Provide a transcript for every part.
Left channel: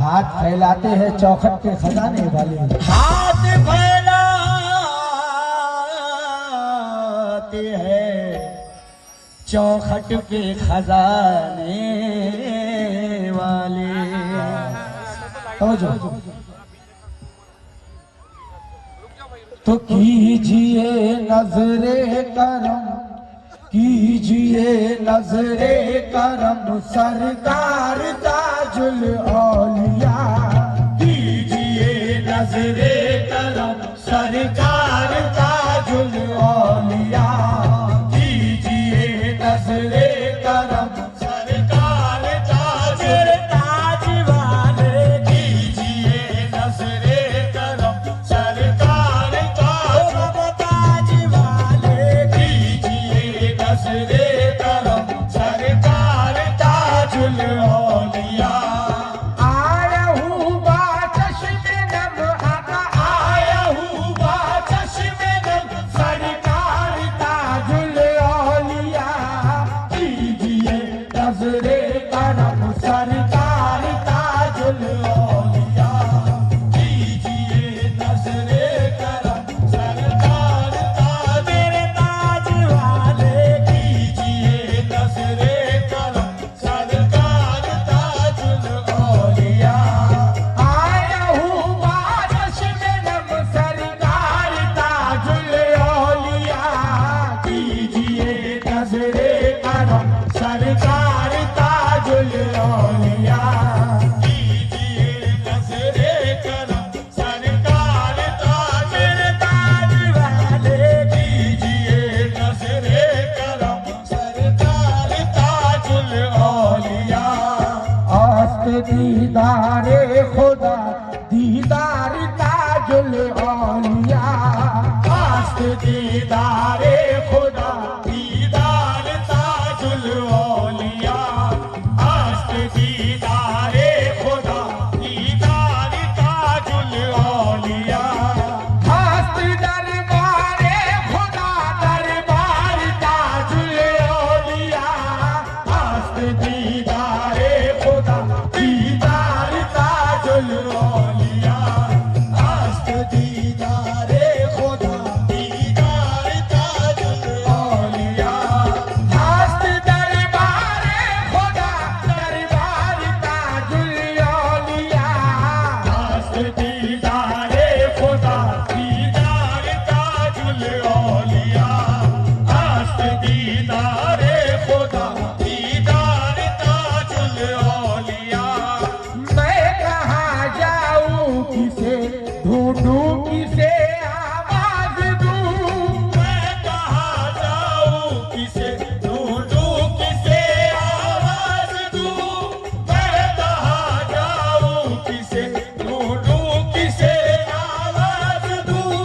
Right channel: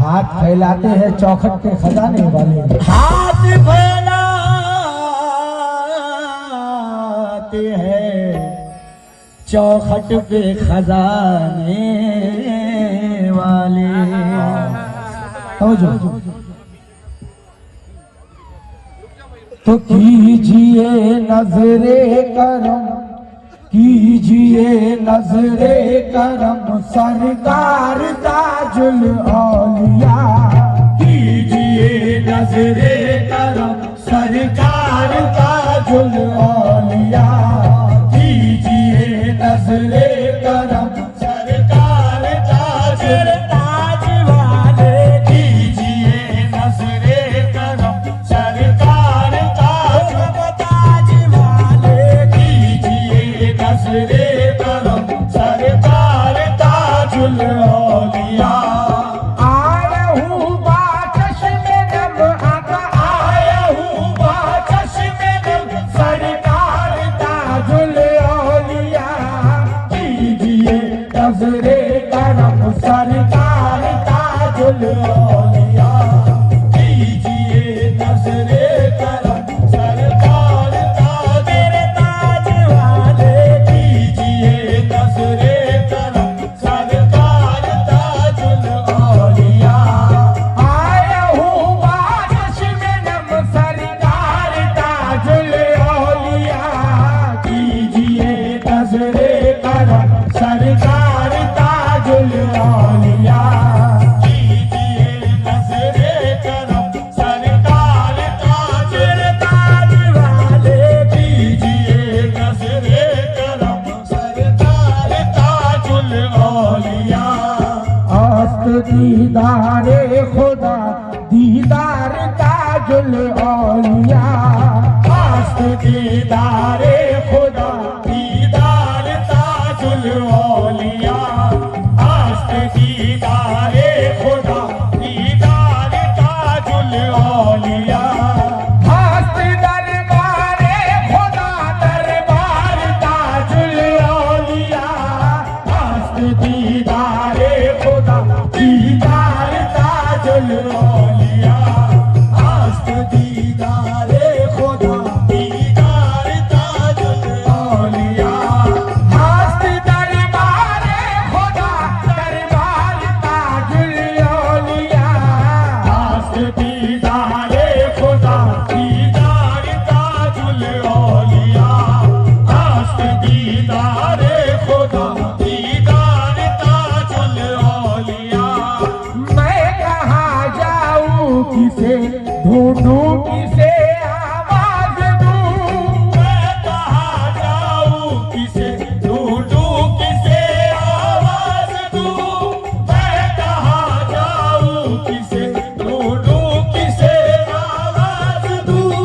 हाथ फैलाते हैं चौखट के खजाने वाले, हाथ फैलाते हैं चौखट पे खजाने वाले। तो कीजिए नजरे करम, कीजिए नजरे करम सरकार ताजुल औलिया, कीजिए नजरे करम सरकार ताजुल औलिया, कीजिए नजरे करम सरकार ताजुल ताज वाले, कीजिए नजरे करम सरकार ताजुल ताज वाले, कीजिए नजरे करम सरकार ताजुल औलिया। आया हूँ बाचश्मे नम, आया हूँ बाचश्मे नम सरकार ताजुल औलिया, कीजिए नजरे करम सरकार ताजुल औलिया, कीजिए नजरे करम सरकार ताजुल ताज वाले, कीजिए नजरे करम सरकार ताजुल औलिया। आया हूँ बाचश्मे नम सरकार ताजुल औलिया, कीजिए नजरे करम सरकार ताजुल औलिया, कीजिए नजरे करम सरकार ताजुल ताज वाले, कीजिए नजरे करम सरकार ताजुल औलिया। आस्त दीदारे खुदा दीदार ताजुल औलिया, आस्त दीदारे खुदा दीदार ताजुल औलिया, आस्त दीदारे खुदा दीदार ताजुल औलिया। आस्त दरबारे खुदा दरबार ताजुल औलिया, आस्त दीदारे खुदा दीदार ताजुल औलिया, आस्त दीदारे खुदा दीदार ताजुल औलिया। आस्त दरबारे खुदा दरबार ताजुल औलिया, आस्त दीदारे खुदा दीदार ताजुल औलिया, आस्त दीदारे खुदा दीदार ताजुल औलिया। मैं कहाँ जाऊँ किसे ढूंढूं किसे आवाज दूं, मैं कहाँ जाऊँ किसे ढूंढूं किसे आवाज दूं, मैं कहाँ जाऊँ किसे ढूंढूं किसे आवाज दूं।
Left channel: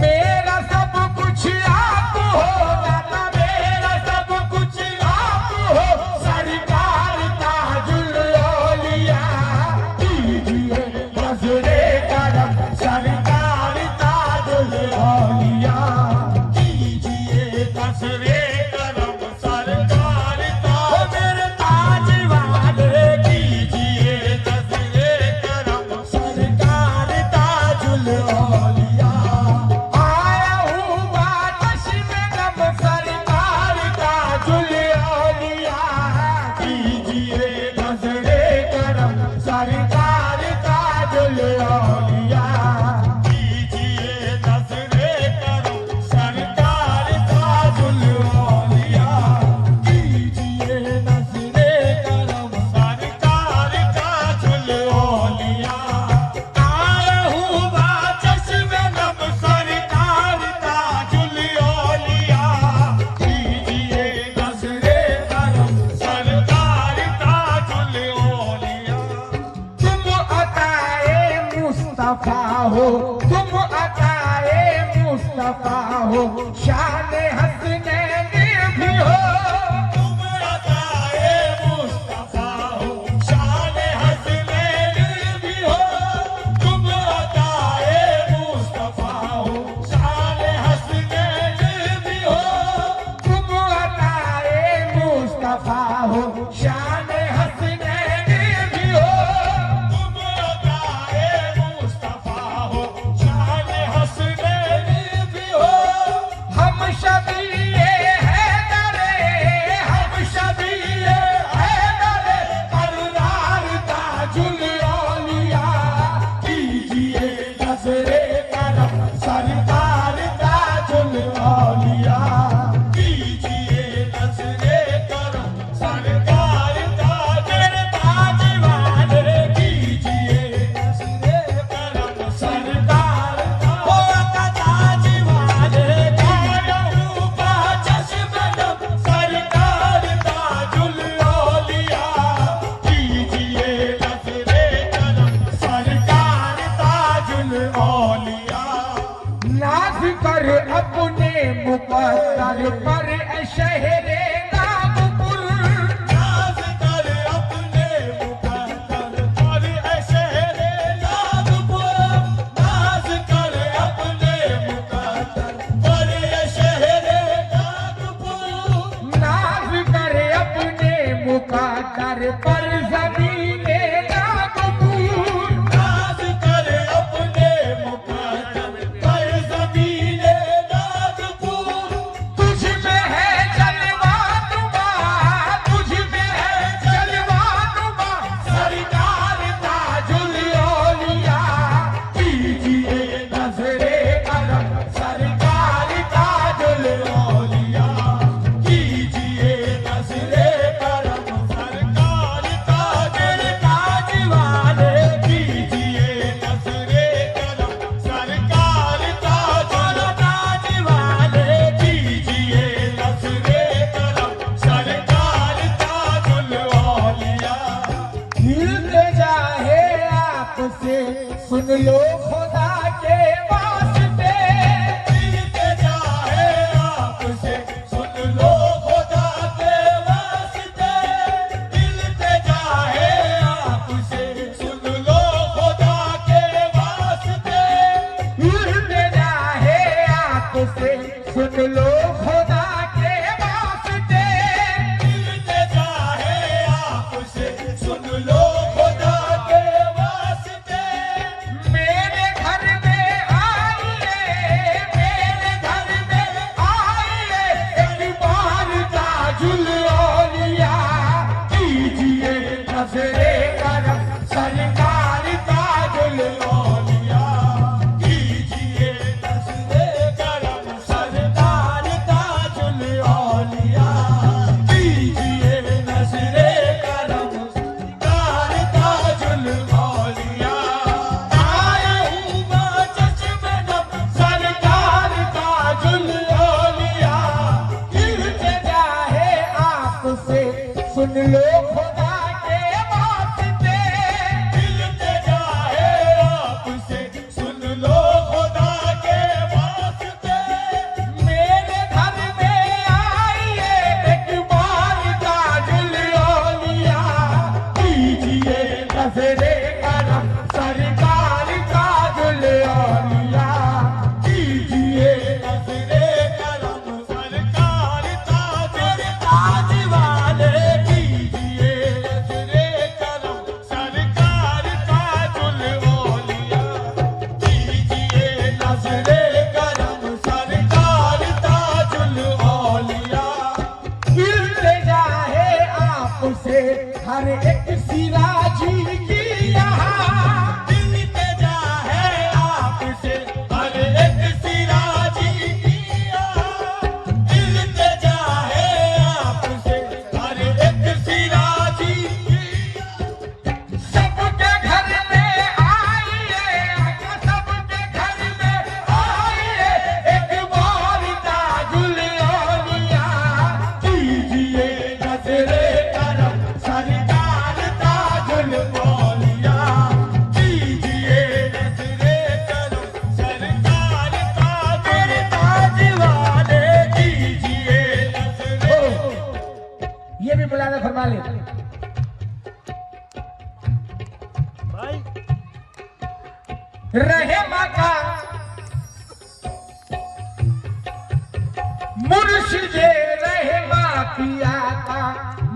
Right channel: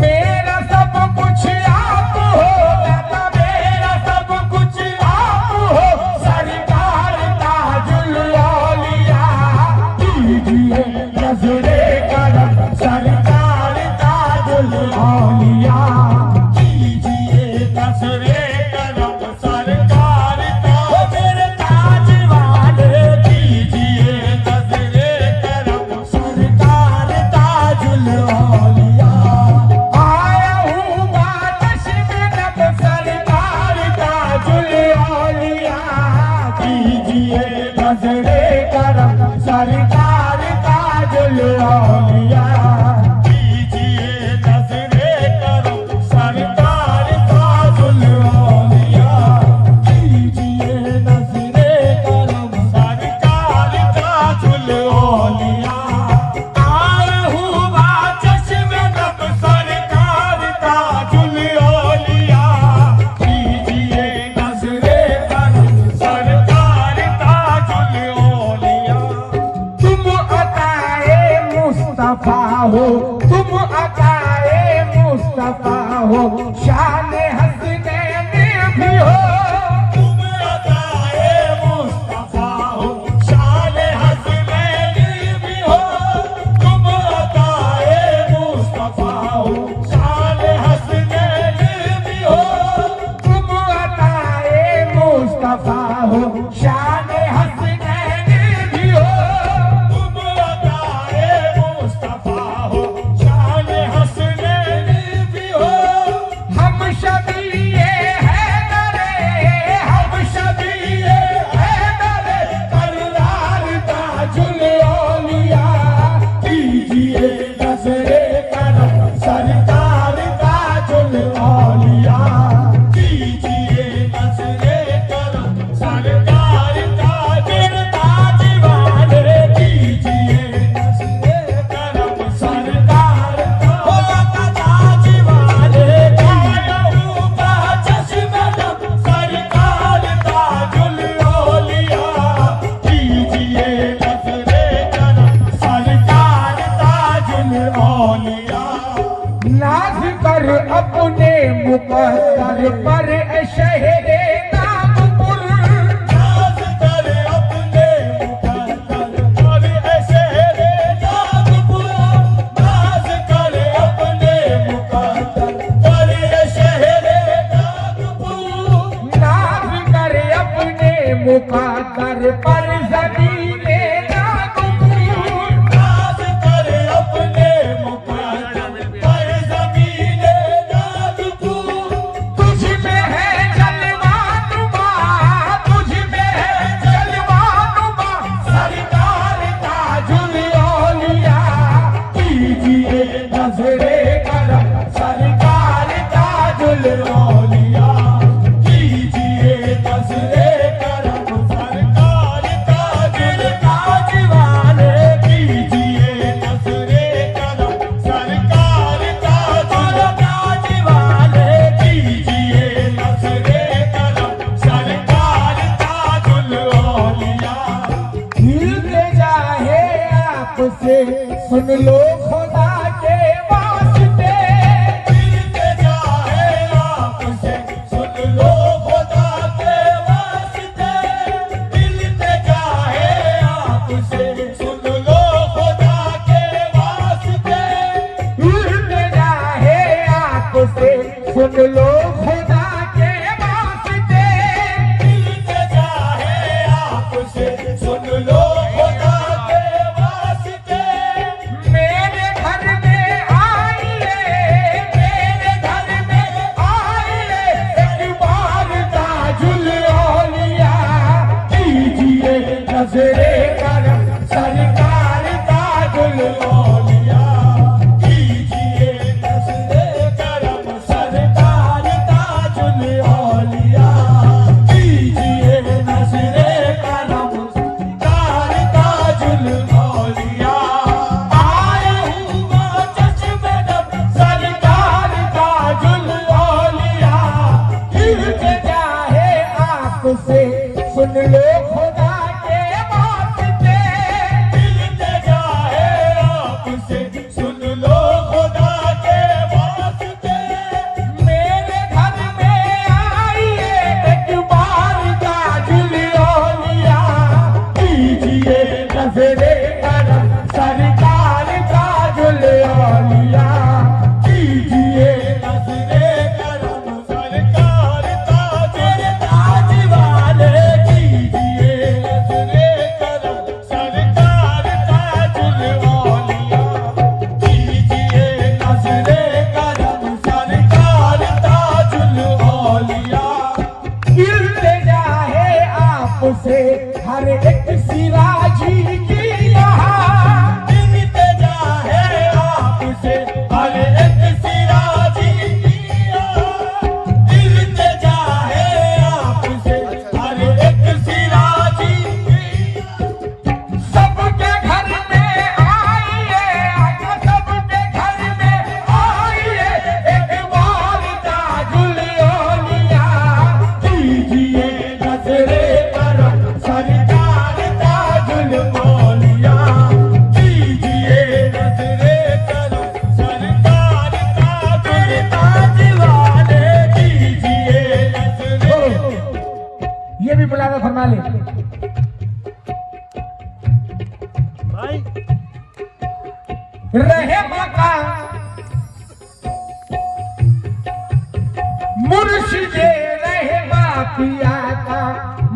मेरा सब कुछ आप हो दाता, मेरा सब कुछ आप हो सरकार ताजुल औलिया, कीजिए नजरे करम सरकार ताजुल औलिया, कीजिए नजरे करम सरकार मेरे ताज वाले, कीजिए नजरे करम सरकार ताजुल औलिया। आया हूँ बाचश्मे नम सरकार ताजुल औलिया, कीजिए नजरे करम सरकार ताजुल औलिया, कीजिए नजरे करम सरकार ताजुल औलिया, कीजिए नजरे करम सरकार ताजुल औलिया। आया हूँ बाचश्मे नम सरकार ताजुल औलिया, कीजिए नजरे करम सरकार ताजुल औलिया। तुम अताए मुस्तफा हो, तुम अताए मुस्तफा हो, शान हसनैन भी हो, तुम अताए मुस्तफा हो, शान हसनैन भी हो, तुम अताए मुस्तफा हो, शान हसनैन भी हो, तुम अताए मुस्तफा हो, शान हसनैन भी हो, तुम सुन लो खुदा के वास्ते, मिलते जाए आपसे सुन लो खुदा के वास्ते। मेरे घर में आइए, मेरे घर में आइए, एक बार ताजुल औलिया कीजिए नज़रे करम सरकार ताजुल औलिया। कीजिए नज़रे करम सरकार ताजुल औलिया। कीजिए नज़रे करम सरकार ताजुल औलिया। आया हूँ मैं चश्मे नब सरकार ताजुल औलिया। मिलते जाए आपसे सुन लो खुदा के वास्ते, मिलते जाए आपसे सुन लो खुदा के वास्ते। मेरे घर में आइए एक बार ताजुल औलिया कीजिए नज़रे करम सरकार ताजुल औलिया। कीजिए नज़रे करम सरकार ताजुल ताज वाले। कीजिए नज़रे करम सरकार ताजुल औलिया। कीजिए नज़रे करम सरकार ताजुल औलिया। मिलते जाए आपसे हर एक सिराजी की यहाँ, मिलते जाए आपसे हर एक सिराजी किया। मिलते जाए आपसे हर एक सिराजी किया। सबके घर में आइए, सबके घर में आइए, एक बार ताजुल औलिया कीजिए नज़रे करम सरकार ताजुल औलिया। कीजिए नज़रे करम सरकार ताजुल ताज वाले। कीजिए नज़रे ये भी बुलाना फरमा ले। रहे मका मुर्शिदे रहे पिया का,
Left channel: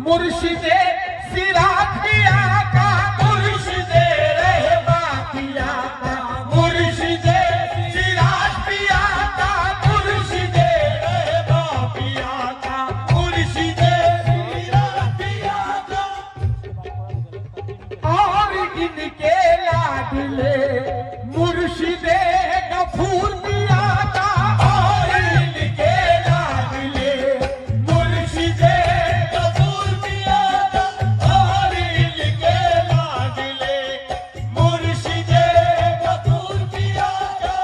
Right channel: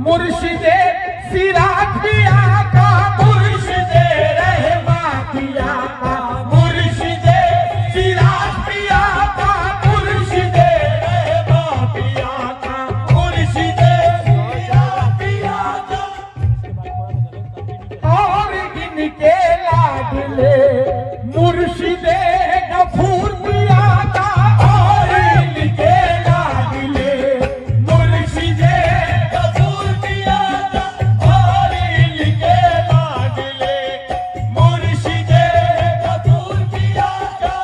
मुर्शिदे सिराज पिया का, मुर्शिदे रहे पिया का, मुर्शिदे सिराज पिया का, मुर्शिदे रहे पिया का। मुर्शिदे सिराज पिया का। और इनके लाडले मुर्शिदे गफूर पिया का, और इनके लाडले मुर्शिदे गफूर पिया का। और इनके लाडले मुर्शिदे गफूर पिया का।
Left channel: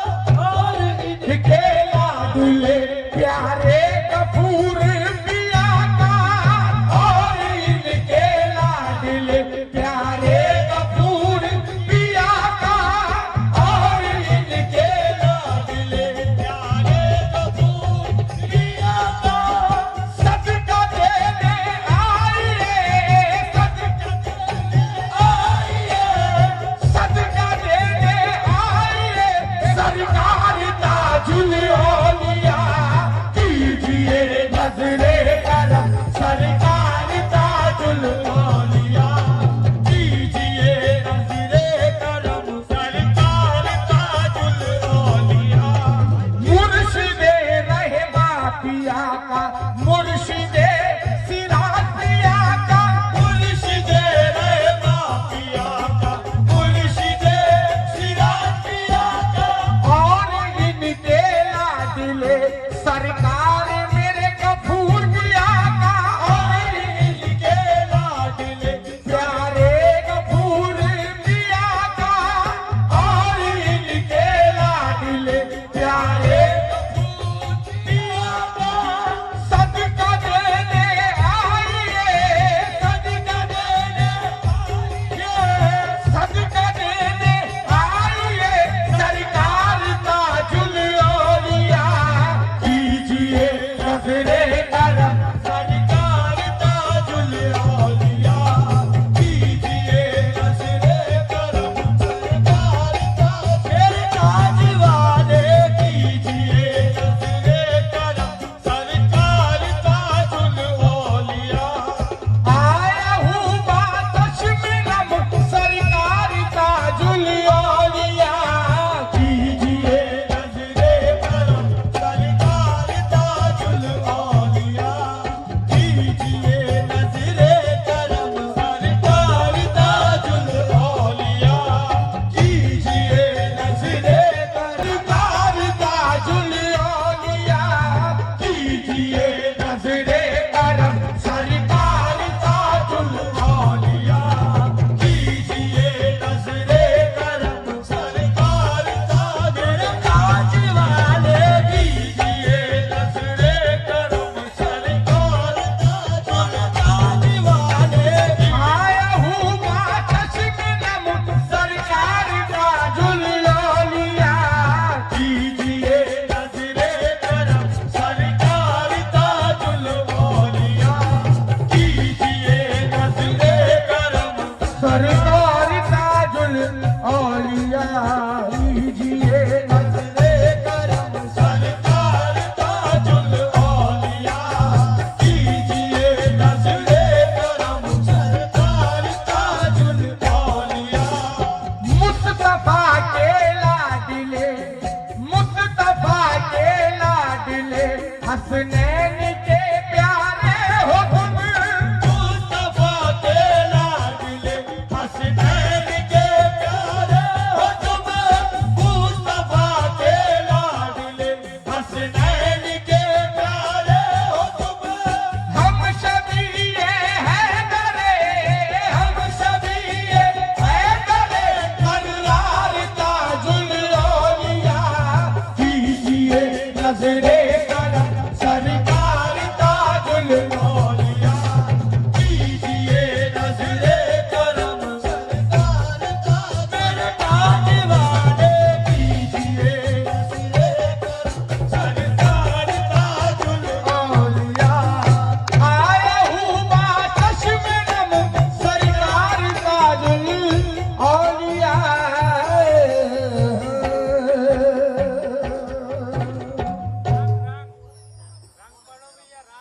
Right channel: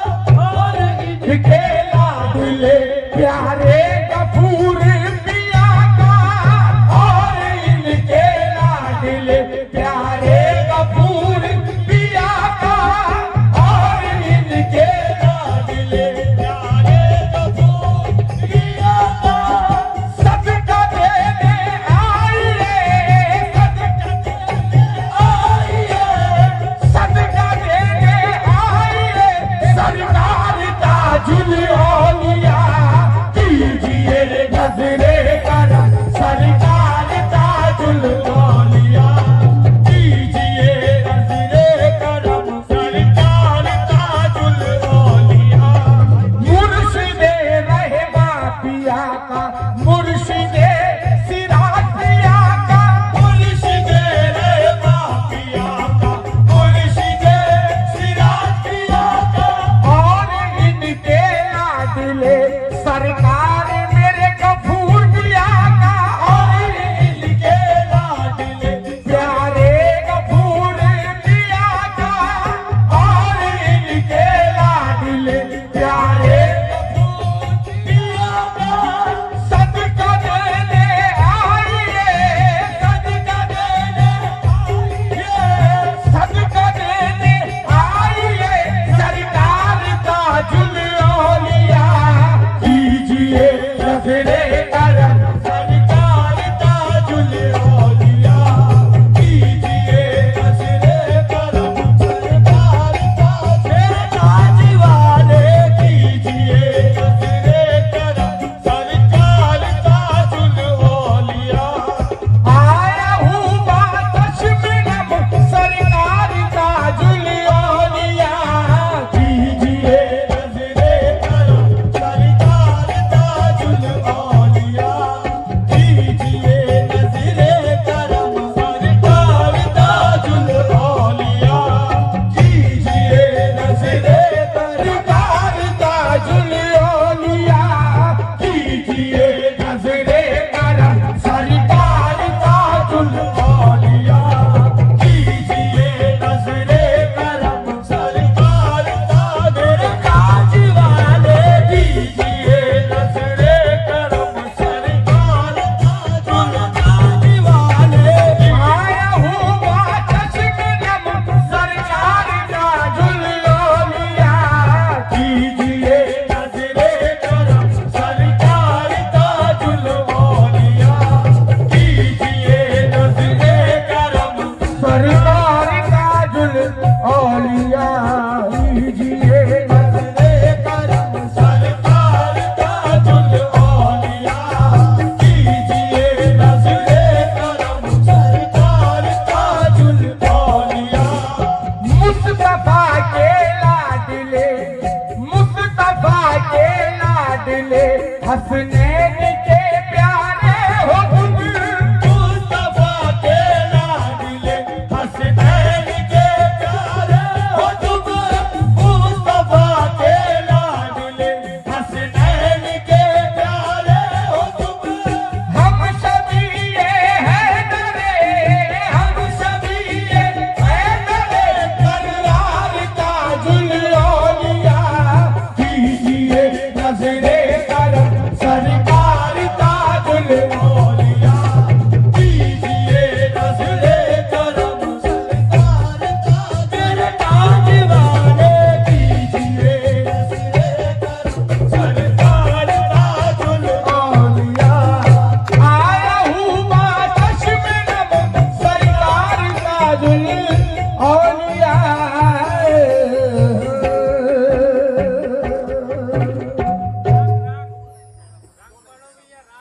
और इनके लाडले प्यारे गफूर पिया का, और इनके लाडले प्यारे गफूर पिया का, और इनके लाडले प्यारे गफूर पिया का। सदका देने आइए, सदका देने आइए, सरकार ताजुल औलिया कीजिए हंसने